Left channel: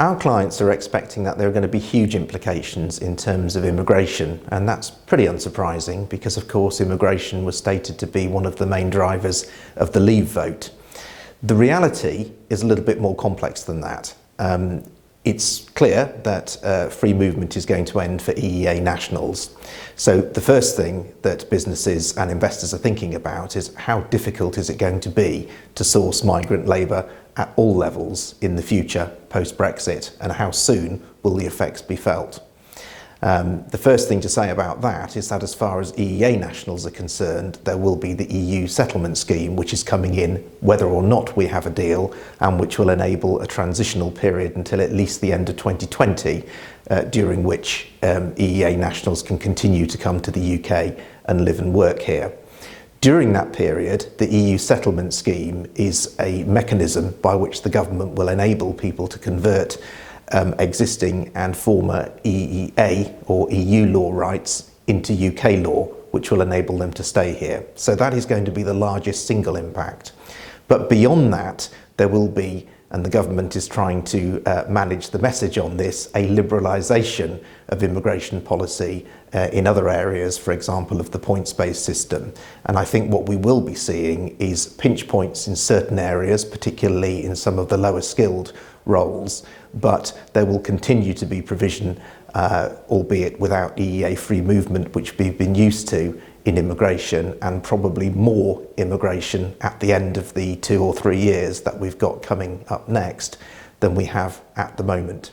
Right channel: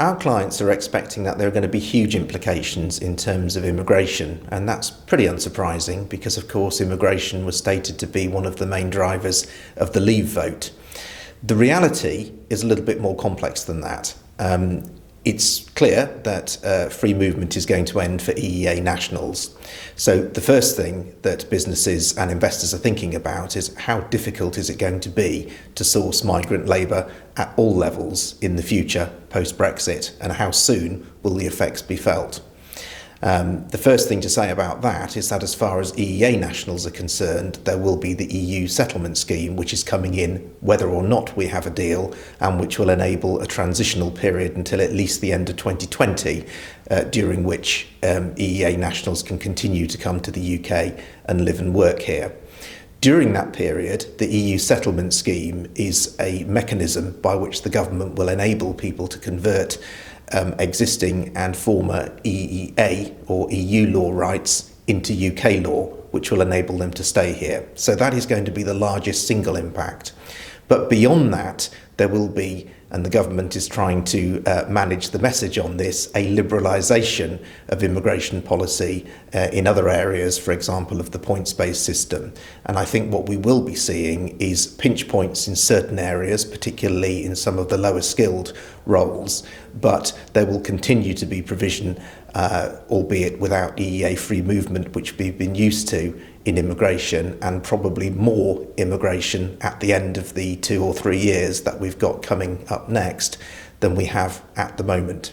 Our clients are expecting that there are going to be huge implications in terms of immigration, and that's pretty unsurprising because, of course, immigration was stated to be one of the main drivers of the Leave vote. The reality is a little bit more complex than that. It's clear that free movement is going to end for EEA nationals. So the first thing that businesses and investors are thinking about is how difficult is it going to be to source migrant labour at all levels in the future post-Brexit, and how soon will the effects be felt? The first thing to say about that is that as far as EEA nationals are concerned, there will be the EU settlement scheme, which is coming in whether or not we have a deal, and which will enable a transitional period until at least the end of 2020, during which EEA nationals can continue to come to the UK and live and work here. During that period, the EU settlement scheme is a mechanism by which the government will enable people to convert existing and former EEA or EU law rights into UK law, which will enable them to stay here. So that is going to be the largest single impact. But beyond that, there will be, and the government is trying to manage the message on this, a liberalisation of immigration policy in other areas, for example, of the points-based system. And I think what we will be seeing is pinch points in certain areas, particularly in some of the lower skilled roles, but there will continue to be provision, albeit without EEA free movement, which we've been used to in immigration, and probably more immigration at the end of the 2 or 3 years that we've got coming up next than we have at the moment.